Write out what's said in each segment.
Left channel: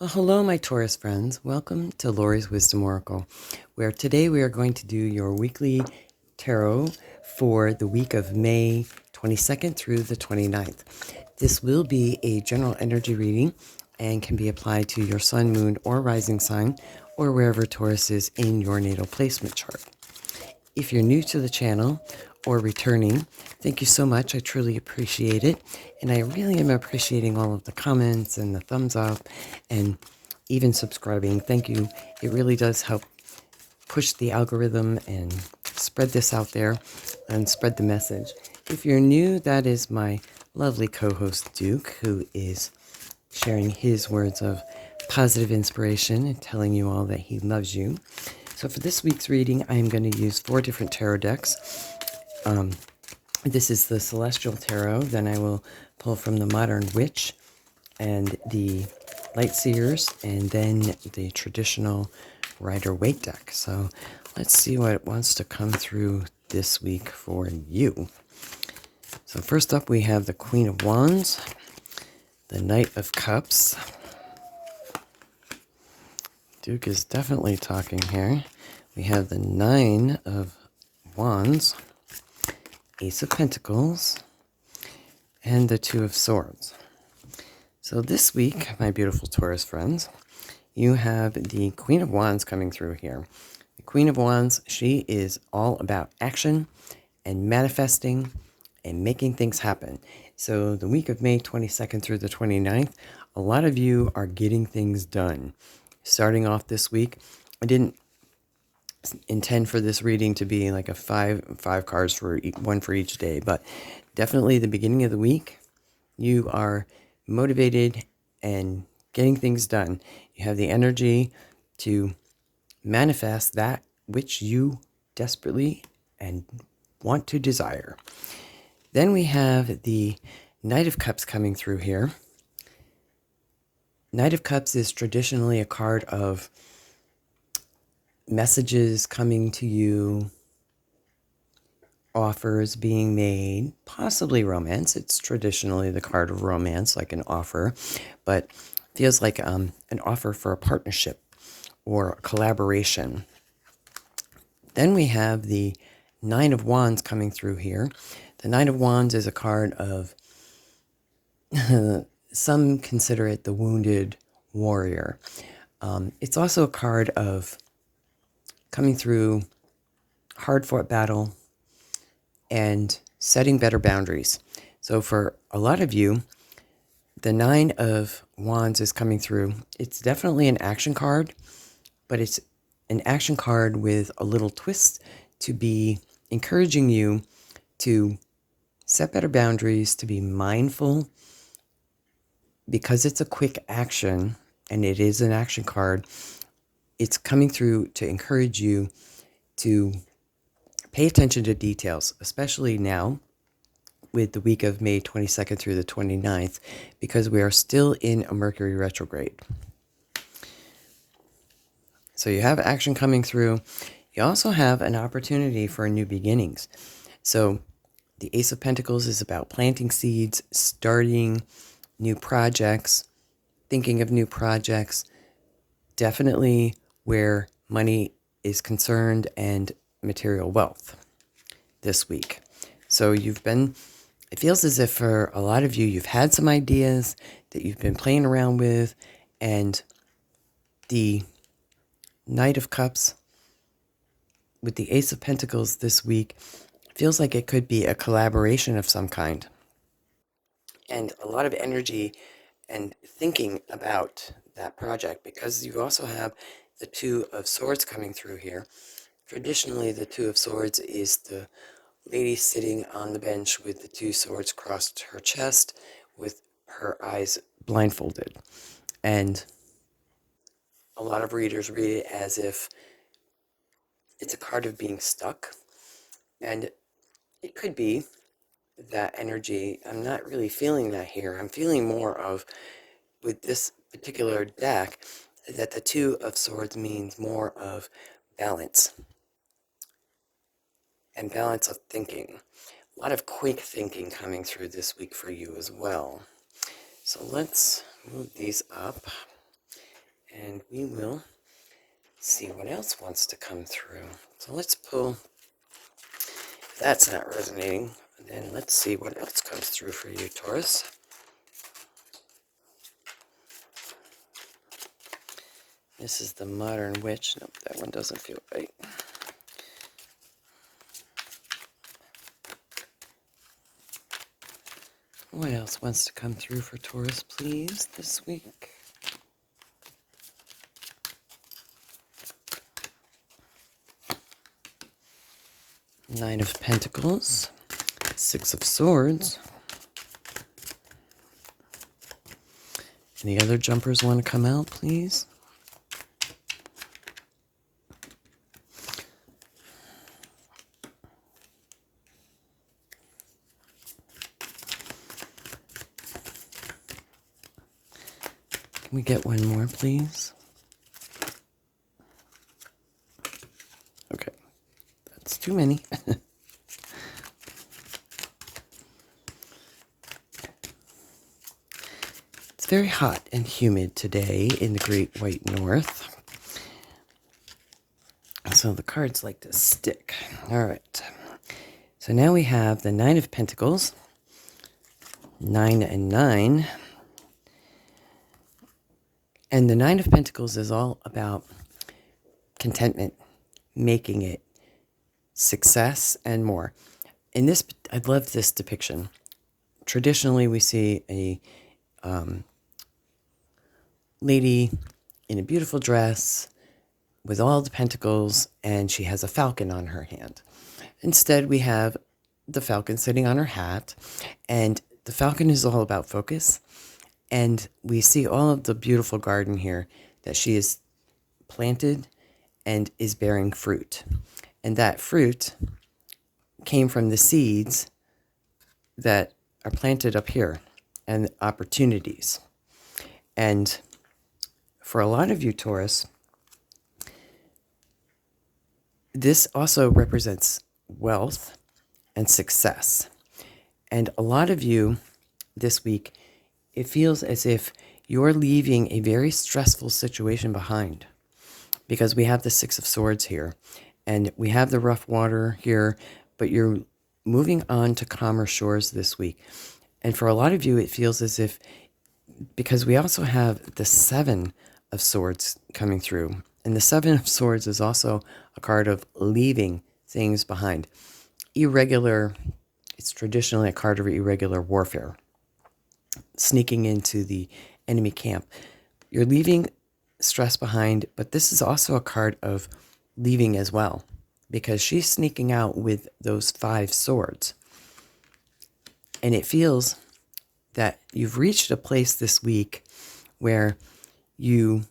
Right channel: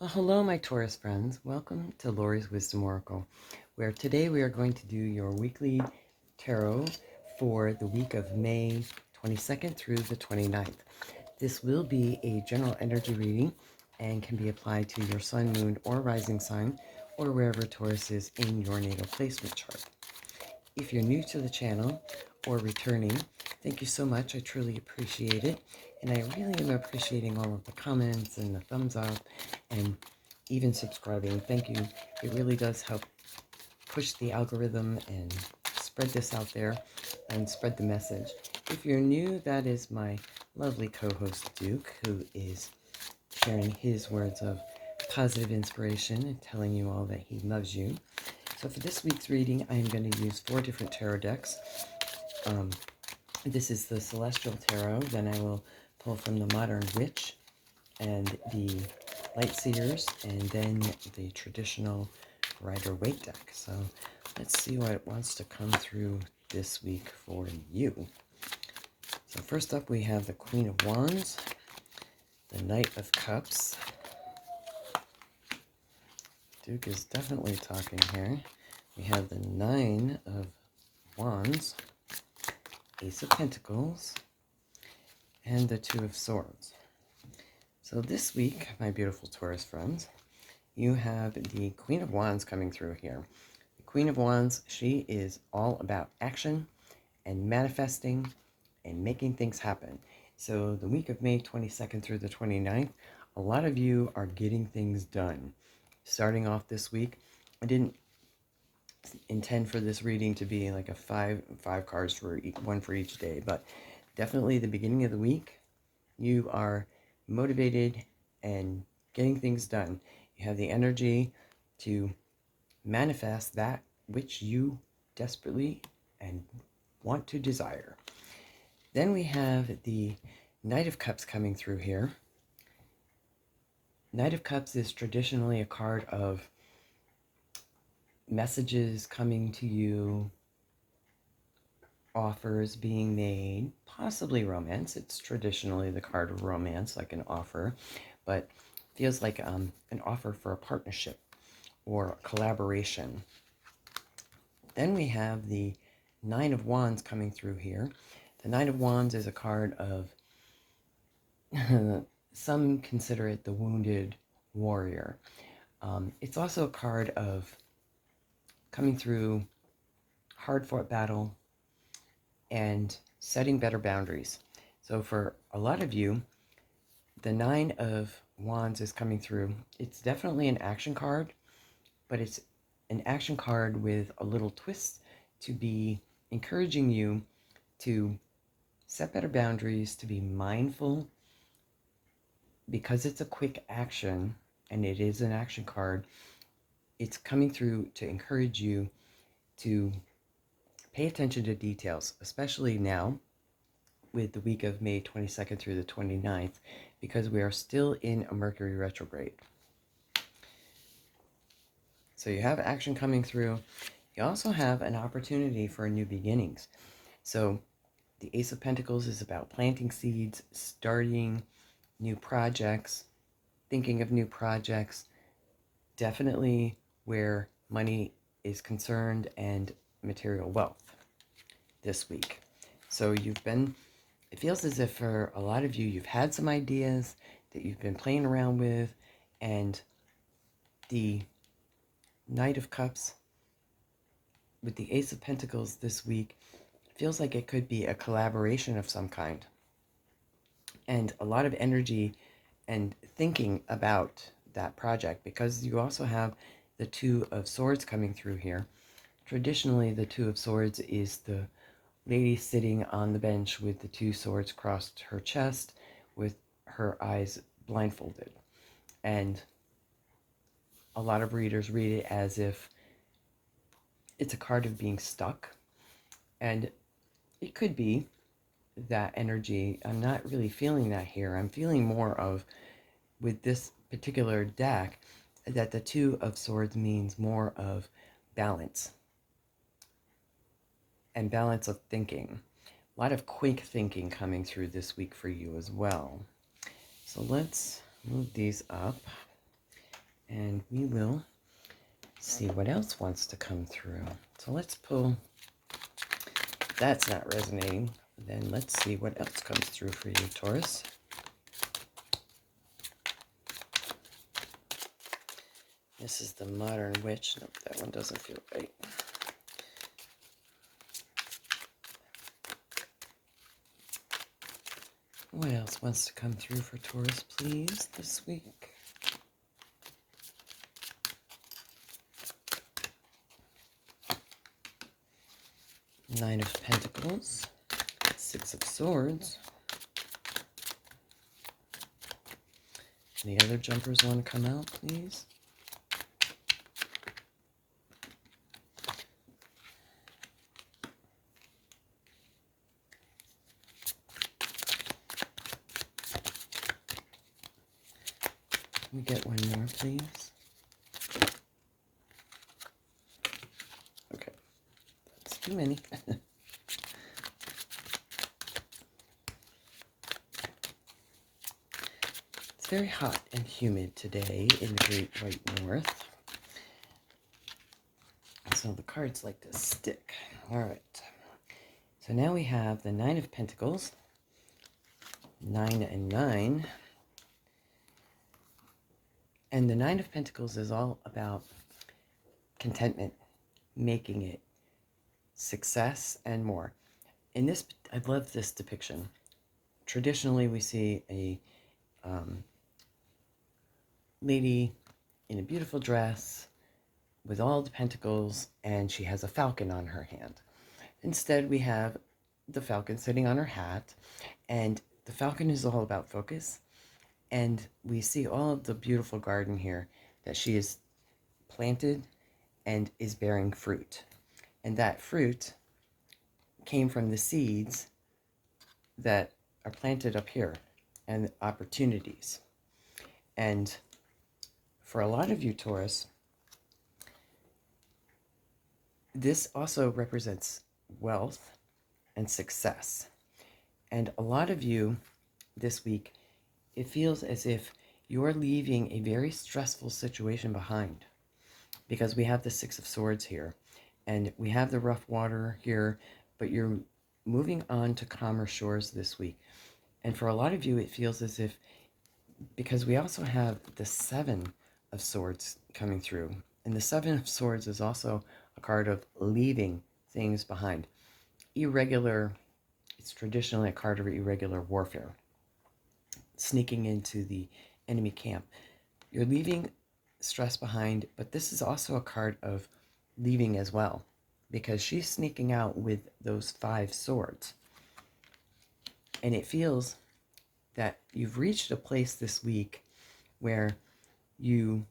Well, hello, my Taurus friends. Welcome to Lori's Wisdom Oracle, where today we are going to do your weekly tarot for the week of May 22nd through the 29th. This will be a general energy reading and can be applied to your sun, moon, or rising sign, or wherever Taurus is in your natal placement chart. If you're new to the channel or returning, thank you so much. I truly appreciate it. And I really am appreciating all of the comments and the thumbs up and even subscribing. Thank you. It really does help push the algorithm and spread this out there and spread the message. If you're new, that is my lovely co-host Duke, who is sharing his words of positive inspiration and telling you all that he loves you. So for this week's reading, I am going to use 4 different tarot decks. This is the Celestial Tarot. Then I will pull from the Modern Witch and the Light Seers, and then the traditional Rider-Waite deck. So let's see what wants to come through this week for you. So first up, we have the Queen of Wands, the Knight of Cups. Duke is definitely talking here. We have the Nine of Wands, Ace of Pentacles, and the Two of Swords. So this week, my beautiful Taurus friends, you have the Queen of Wands coming through here. The Queen of Wands, she is all about action and manifesting and making things happen. So the week of May 22nd through the 29th, a lot of you are getting things done. Starting off this week, I didn't intend for this reading to be like a five cards for one for each day, but definitely the beginning of the week, you are motivated and getting things done. You have the energy to manifest that which you desperately and want to desire. Then we have the Knight of Cups coming through here. Knight of Cups is traditionally a card of messages coming to you, offers being made, possibly romance. It's traditionally the card of romance, like an offer, but feels like an offer for a partnership or a collaboration. Then we have the Nine of Wands coming through here. The Nine of Wands is a card of, some consider it the wounded warrior. It's also a card of coming through hard-fought battle and setting better boundaries. So for a lot of you, the Nine of Wands is coming through. It's definitely an action card, but it's an action card with a little twist to be encouraging you to set better boundaries, to be mindful, because it's a quick action and it is an action card. It's coming through to encourage you to pay attention to details, especially now with the week of May 22nd through the 29th, because we are still in a Mercury retrograde. So you have action coming through. You also have an opportunity for new beginnings. So the Ace of Pentacles is about planting seeds, starting new projects, thinking of new projects, definitely where money is concerned and material wealth this week. So it feels as if for a lot of you, you've had some ideas that you've been playing around with, and the Knight of Cups with the Ace of Pentacles this week feels like it could be a collaboration of some kind. And a lot of energy and thinking about that project, because you also have the Two of Swords coming through here. Traditionally, the Two of Swords is the lady sitting on the bench with the two swords crossed her chest with her eyes blindfolded. And a lot of readers read it as if it's a card of being stuck. And it could be that energy. I'm not really feeling that here. I'm feeling more of, with this particular deck, that the Two of Swords means more of balance and balance of thinking. A lot of quick thinking coming through this week for you as well. So let's move these up. And we will see what else wants to come through. So let's pull. If that's not resonating, then let's see what else comes through for you, Taurus. This is the Modern Witch. Nope, that one doesn't feel right. What else wants to come through for Taurus, please, this week? Nine of Pentacles, Six of Swords. Any other jumpers want to come out, please? Can we get one more, please? Okay, that's too many. It's very hot and humid today in the Great White North. So the cards like to stick. All right. So now we have the Nine of Pentacles. 9 and 9. And the Nine of Pentacles is all about contentment, making it, success, and more. In this, I love this depiction. Traditionally, we see a lady in a beautiful dress with all the pentacles, and she has a falcon on her hand. Instead, we have the falcon sitting on her hat, and the falcon is all about focus. And we see all of the beautiful garden here that she has planted and is bearing fruit. And that fruit came from the seeds that are planted up here and opportunities. And for a lot of you, Taurus, this also represents wealth and success. And a lot of you this week, it feels as if you're leaving a very stressful situation behind, because we have the Six of Swords here and we have the rough water here, but you're moving on to calmer shores this week. And for a lot of you, it feels as if, because we also have the Seven of Swords coming through, and the Seven of Swords is also a card of leaving things behind. Irregular, it's traditionally a card of irregular warfare, sneaking into the enemy camp. You're leaving stress behind, but this is also a card of leaving as well, because she's sneaking out with those 5 swords. And it feels that you've reached a place this week where you're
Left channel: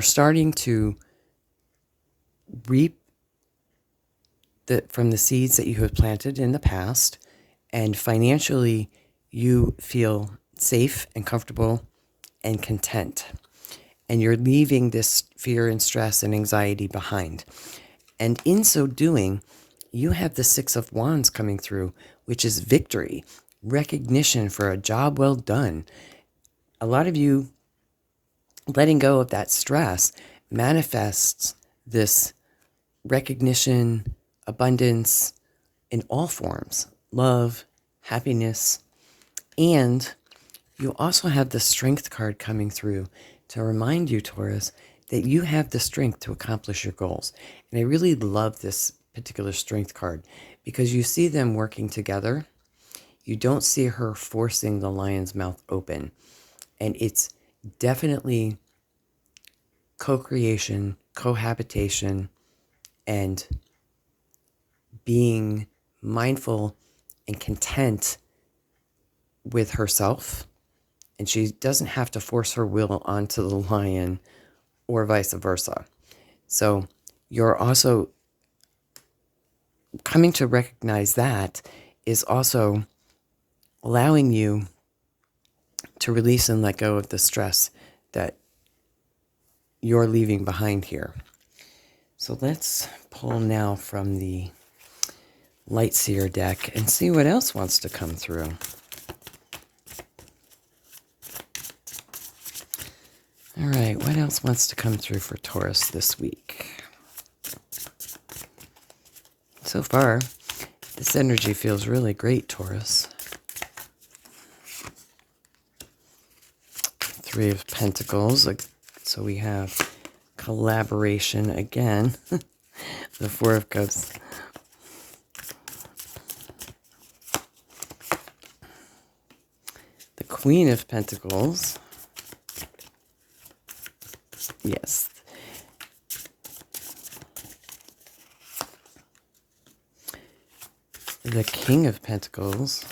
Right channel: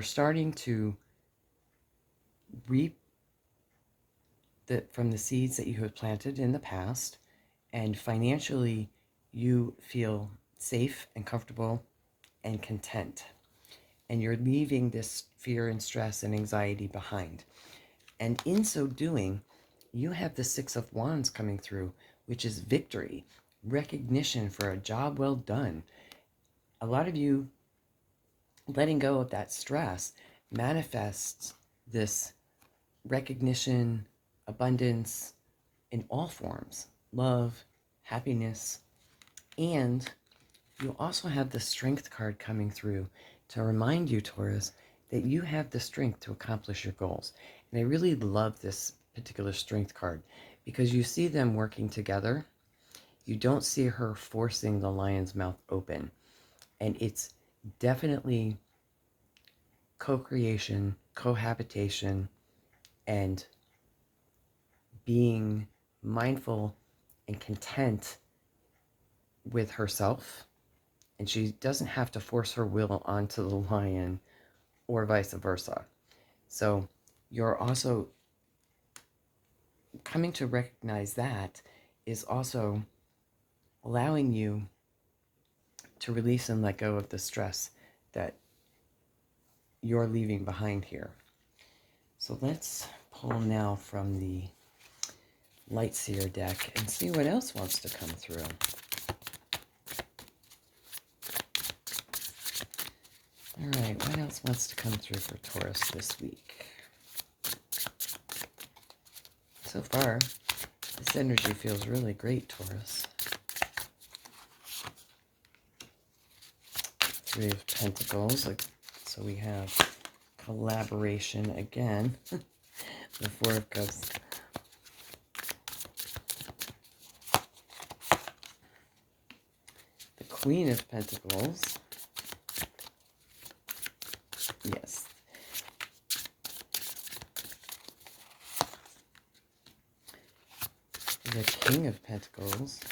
starting to reap from the seeds that you have planted in the past, and financially you feel safe and comfortable and content. And you're leaving this fear and stress and anxiety behind. And in so doing, you have the Six of Wands coming through, which is victory, recognition for a job well done. A lot of you letting go of that stress manifests this recognition, abundance in all forms, love, happiness. And you also have the Strength card coming through to remind you, Taurus, that you have the strength to accomplish your goals. And I really love this particular Strength card because you see them working together. You don't see her forcing the lion's mouth open. And it's definitely co-creation, cohabitation, and being mindful and content with herself. And she doesn't have to force her will onto the lion or vice versa. So you're also coming to recognize that is also allowing you to release and let go of the stress that you're leaving behind here. So let's pull now from the Light Seer deck and see what else wants to come through. All right, what else wants to come through for Taurus this week? So far, this energy feels really great, Taurus. Three of Pentacles. So we have collaboration again. The Four of Cups. The Queen of Pentacles. Yes. The King of Pentacles.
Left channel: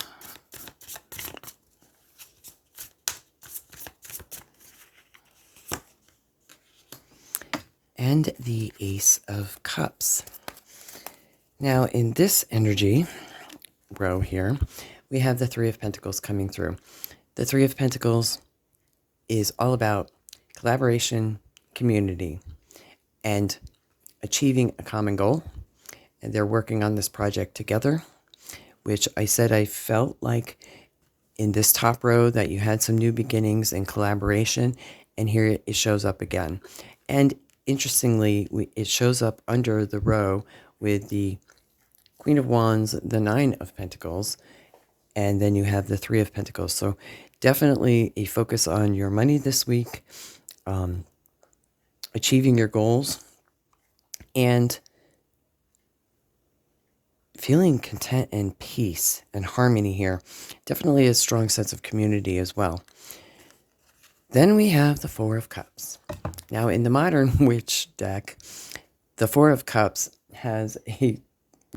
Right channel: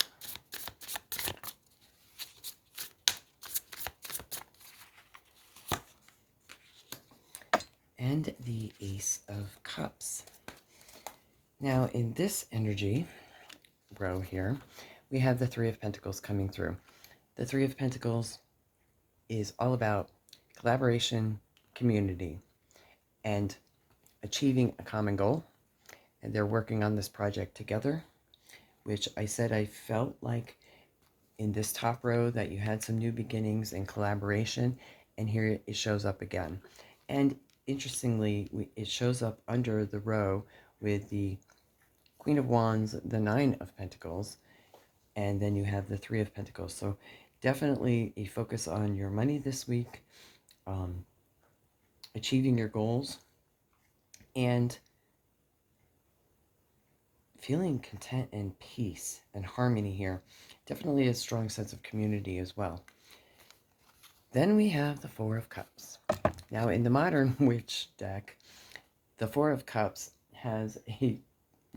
And the Ace of Cups. Now, in this energy row here, we have the Three of Pentacles coming through. The Three of Pentacles is all about collaboration, community, and achieving a common goal. And they're working on this project together, which I said I felt like in this top row that you had some new beginnings and collaboration, and here it shows up again. And interestingly, it shows up under the row with the Queen of Wands, the Nine of Pentacles, and then you have the Three of Pentacles. So definitely a focus on your money this week, achieving your goals, and feeling content and peace and harmony here. Definitely a strong sense of community as well. Then we have the Four of Cups. Now, in the Modern Witch deck, the Four of Cups has a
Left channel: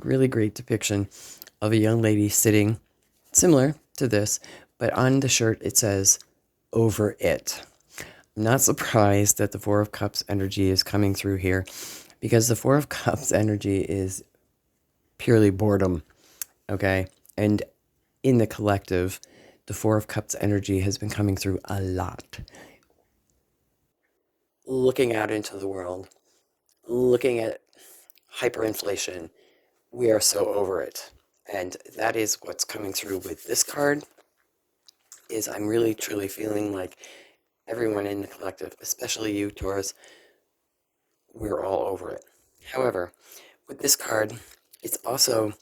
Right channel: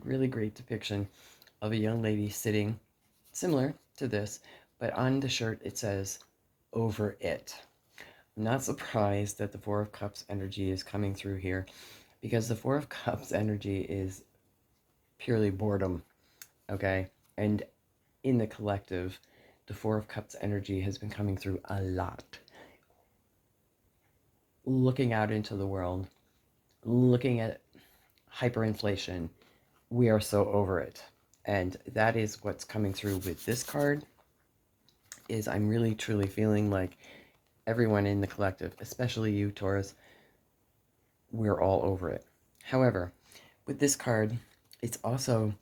really great depiction of a young lady sitting similar to this, but on the shirt it says, "Over it." I'm not surprised that the Four of Cups energy is coming through here, because the Four of Cups energy is purely boredom, okay? And in the collective, the Four of Cups energy has been coming through a lot. Looking out into the world, looking at hyperinflation, we are so over it. And that is what's coming through with this card, is I'm really truly feeling like everyone in the collective, especially you, Taurus, we're all over it. However, with this card, it's also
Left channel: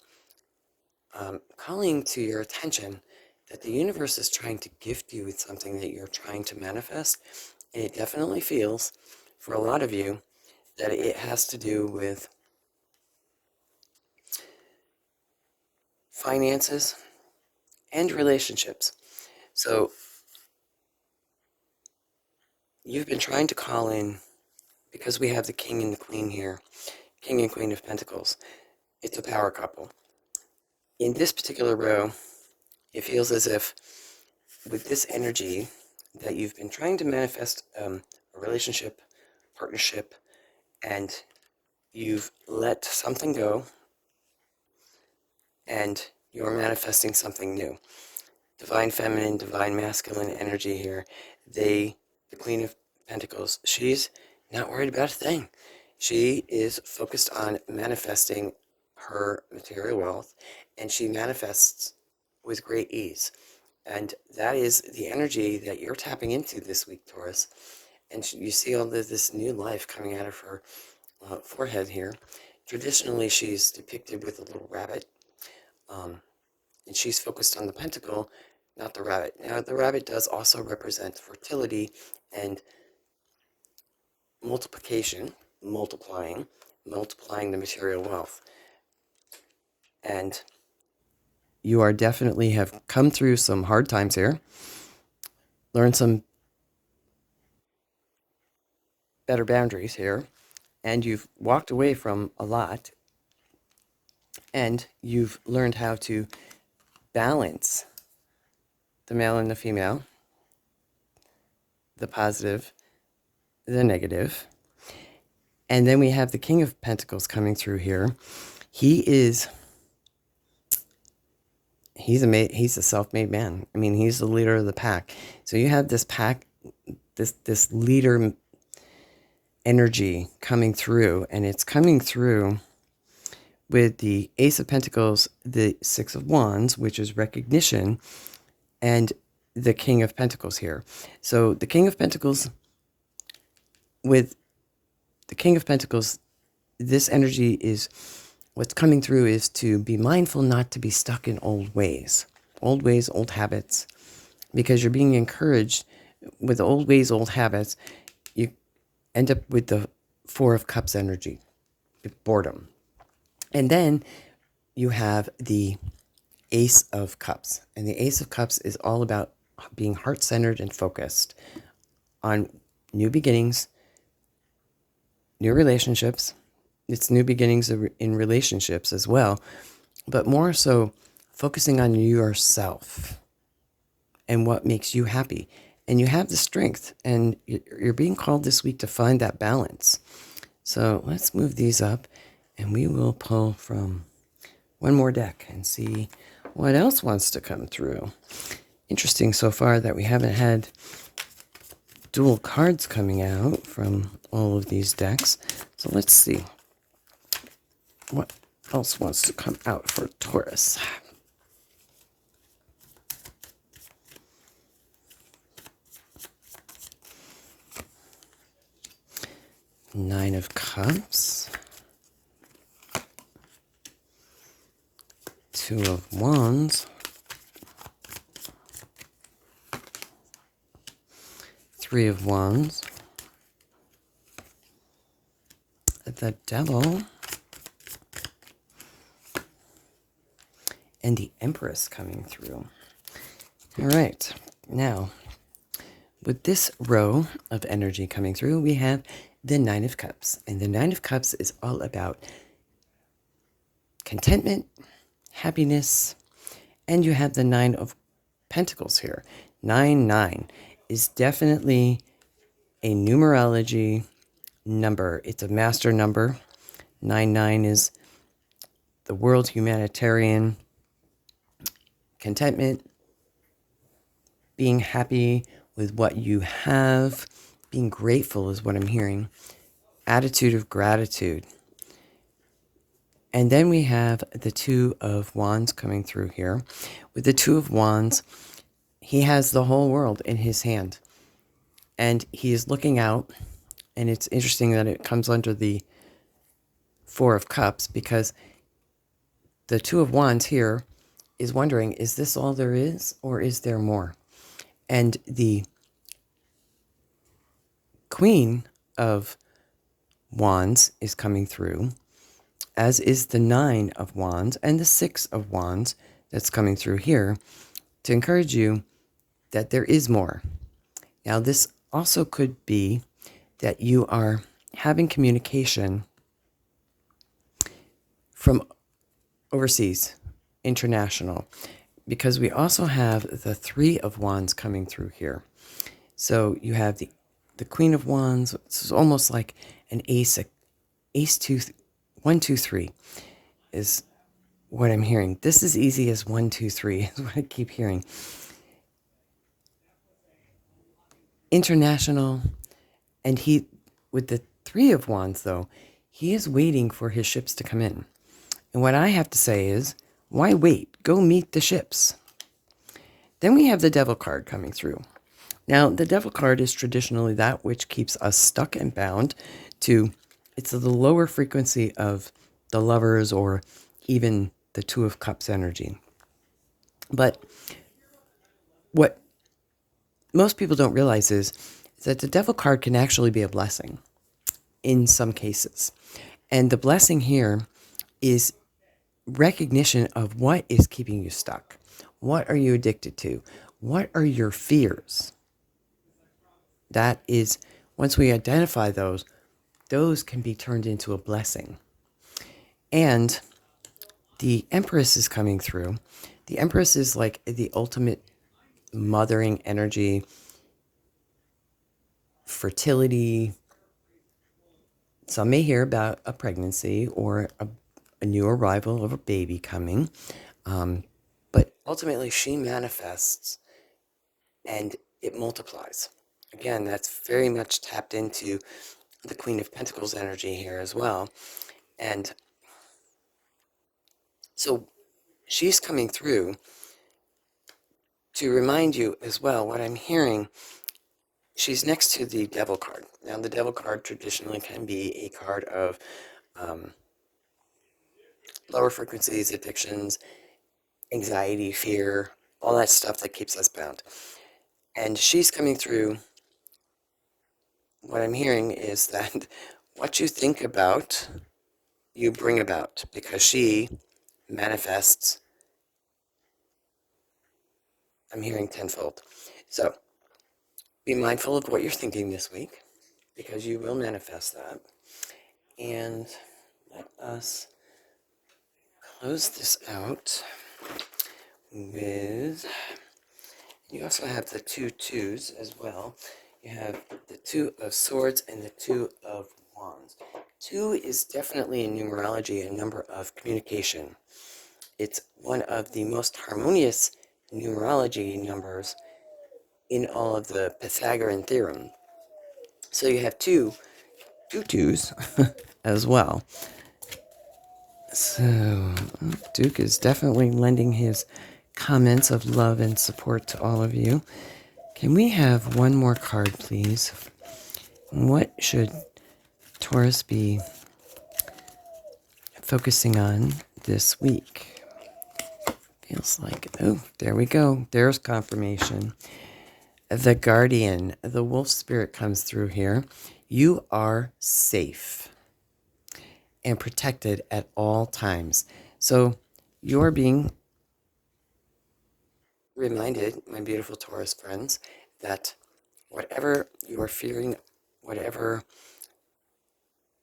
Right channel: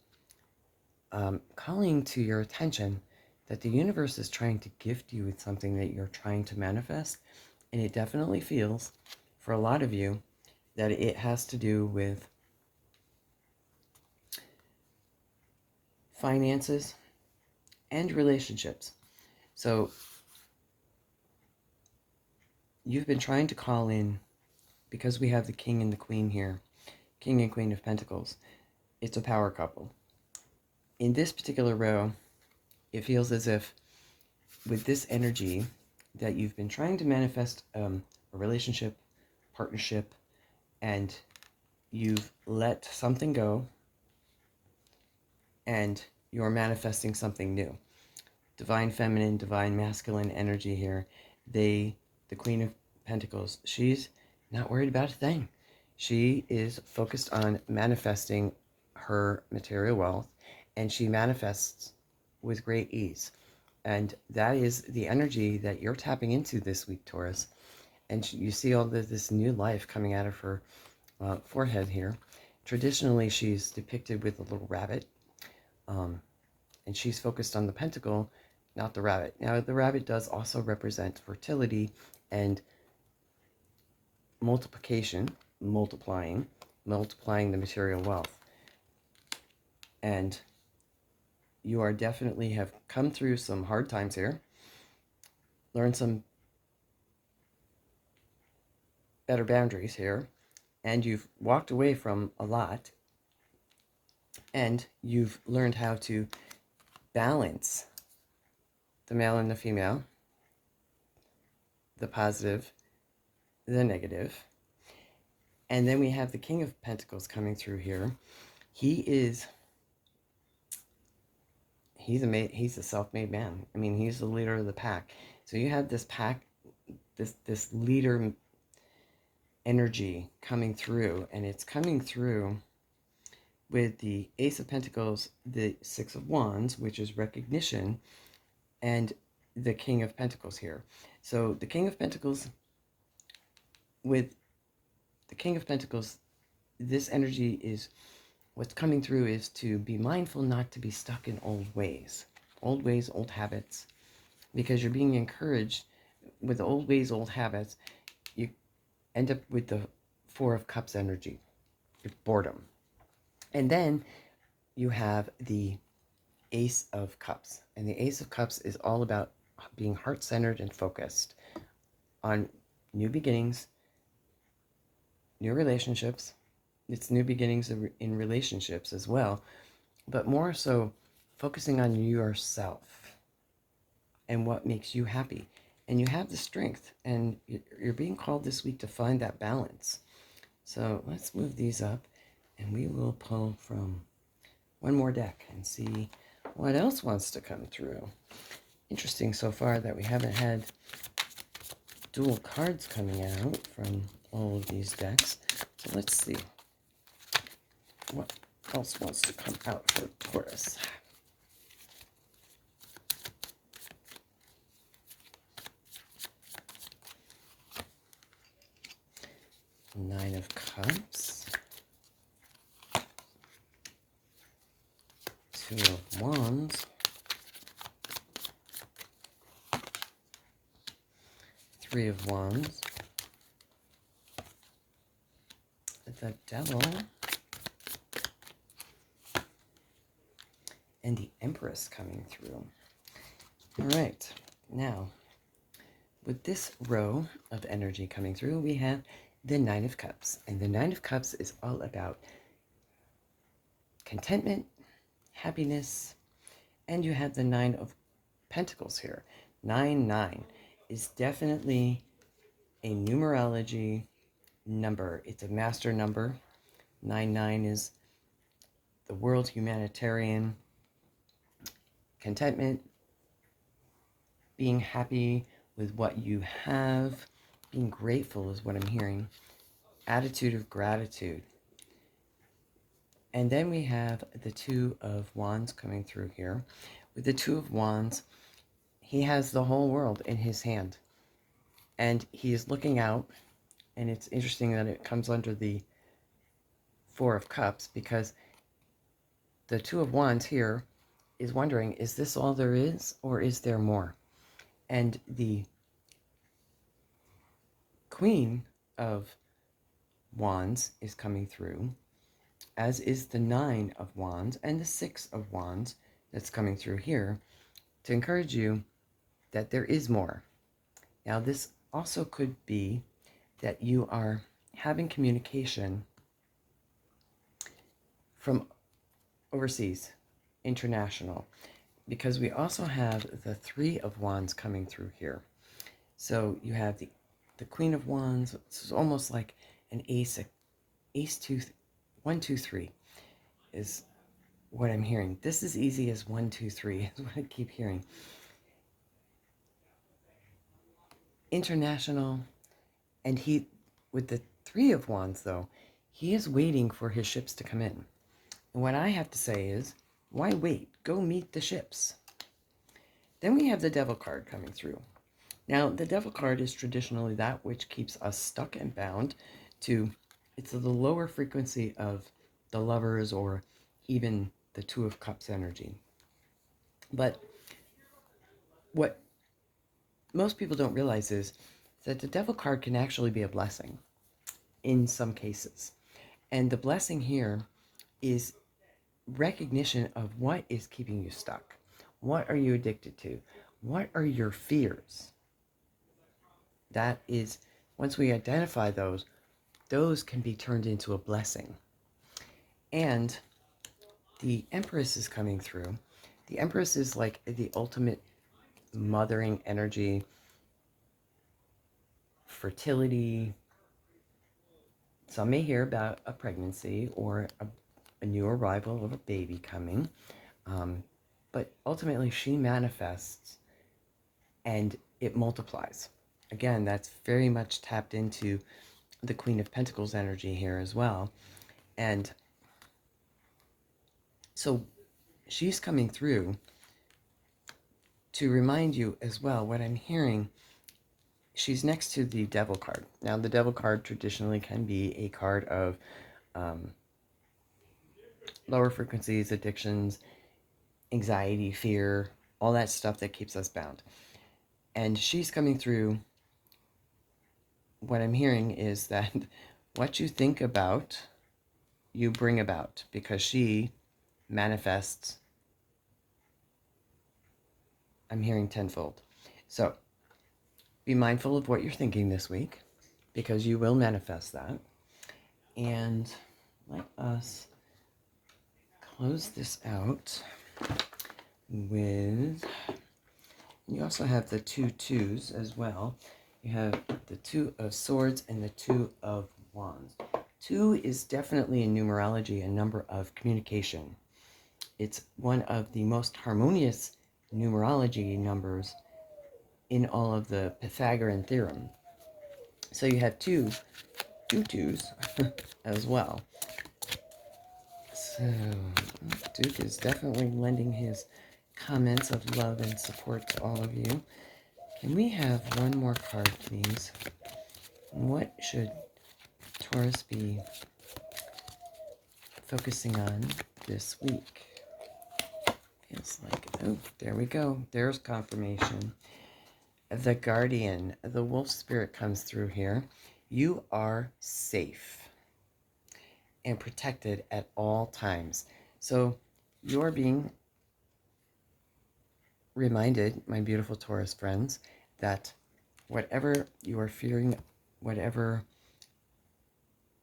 calling to your attention that the universe is trying to gift you with something that you're trying to manifest. And it definitely feels, for a lot of you, that it has to do with finances and relationships. So you've been trying to call in, because we have the King and the Queen here, King and Queen of Pentacles. It's a power couple. In this particular row, it feels as if with this energy that you've been trying to manifest a relationship, partnership, and you've let something go and you're manifesting something new. Divine feminine, divine masculine energy here. The Queen of Pentacles, she's not worried about a thing. She is focused on manifesting her material wealth, and she manifests with great ease. And that is the energy that you're tapping into this week, Taurus. And you see all this new life coming out of her forehead here. Traditionally, she's depicted with a little rabbit, and she's focused on the pentacle, not the rabbit. Now, the rabbit does also represent fertility and multiplication, multiplying the material wealth. And you are definitely have come through some hard times here, learned some better boundaries here, and you've walked away from a lot, and you've learned how to balance the male and the female, the positive, the negative. And then we have the King of Pentacles coming through here. He's a self-made man. I mean, he's the leader of the pack. So you have this pack, this leader energy coming through, and it's coming through with the Ace of Pentacles, the Six of Wands, which is recognition, and the King of Pentacles here. So the King of Pentacles with the King of Pentacles, this energy is, what's coming through is to be mindful not to be stuck in old ways, old habits, because you're being encouraged with old ways, old habits. You end up with the Four of Cups energy, boredom. And then you have the Ace of Cups. And the Ace of Cups is all about being heart-centered and focused on new beginnings, new relationships. It's new beginnings in relationships as well, but more so focusing on yourself and what makes you happy. And you have the strength, and you're being called this week to find that balance. So let's move these up, and we will pull from one more deck and see what else wants to come through. Interesting so far that we haven't had dual cards coming out from all of these decks. So let's see what else wants to come out for Taurus. Nine of Cups. Two of Wands. Three of Wands. The Devil. And the Empress coming through. All right. Now, with this row of energy coming through, we have the Nine of Cups. And the Nine of Cups is all about contentment, happiness, and you have the Nine of Pentacles here. 9 is definitely a numerology number. It's a master number. 9 is the world humanitarian, contentment, being happy with what you have, being grateful is what I'm hearing, attitude of gratitude. And then we have the Two of Wands coming through here. With the Two of Wands, he has the whole world in his hand. And he is looking out. And it's interesting that it comes under the Four of Cups, because the Two of Wands here is wondering, is this all there is, or is there more? And the Queen of Wands is coming through, as is the Nine of Wands and the Six of Wands that's coming through here, to encourage you that there is more. Now, this also could be that you are having communication from overseas, international, because we also have the Three of Wands coming through here. So you have the Queen of Wands. This is almost like an ace 2, 1, 2, 3 is what I'm hearing. This is easy as 1, 2, 3 is what I keep hearing. International, and he, with the Three of Wands though, he is waiting for his ships to come in. And what I have to say is, why wait? Go meet the ships. Then we have the Devil card coming through. Now, the Devil card is traditionally that which keeps us stuck and bound to, it's the lower frequency of the Lovers or even the Two of Cups energy. But what most people don't realize is that the Devil card can actually be a blessing in some cases. And the blessing here is recognition of what is keeping you stuck. What are you addicted to? What are your fears? That is, once we identify those can be turned into a blessing. And the Empress is coming through. The Empress is like the ultimate mothering energy, fertility. Some may hear about a pregnancy or a new arrival of a baby coming. But ultimately, she manifests and it multiplies. Again, that's very much tapped into the Queen of Pentacles energy here as well. And so she's coming through to remind you as well. What I'm hearing she's next to the Devil card. Now, the Devil card traditionally can be a card of lower frequencies, addictions, anxiety, fear, all that stuff that keeps us bound. And she's coming through. What I'm hearing is that what you think about, you bring about, because she manifests, I'm hearing tenfold. So be mindful of what you're thinking this week, because you will manifest that. And let us close this out with, you also have the 2 twos as well. You have the 2 of Swords and the 2 of Wands. 2 is definitely in numerology a number of communication. It's one of the most harmonious numerology numbers in all of the Pythagorean theorem. So you have two twos as well. So Duke is definitely lending his comments of love and support to all of you. Can we have one more card, please? What should Taurus be focusing on this week? Feels like, oh, there we go. There's confirmation. The Guardian, the wolf spirit comes through here. You are safe and protected at all times. So you're being reminded, my beautiful Taurus friends, that whatever you are fearing, whatever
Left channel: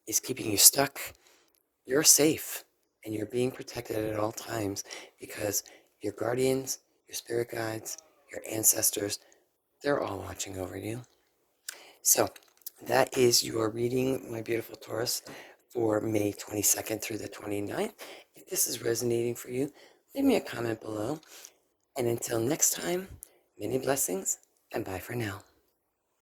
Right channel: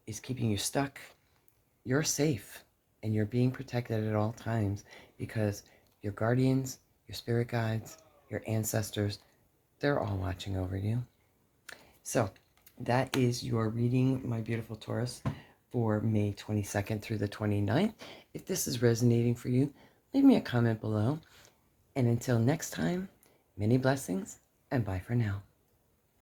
is keeping you stuck, you're safe and you're being protected at all times, because your guardians, your spirit guides, your ancestors, they're all watching over you. So that is your reading, my beautiful Taurus, for May 22nd through the 29th. If this is resonating for you, leave me a comment below. And until next time, many blessings and bye for now.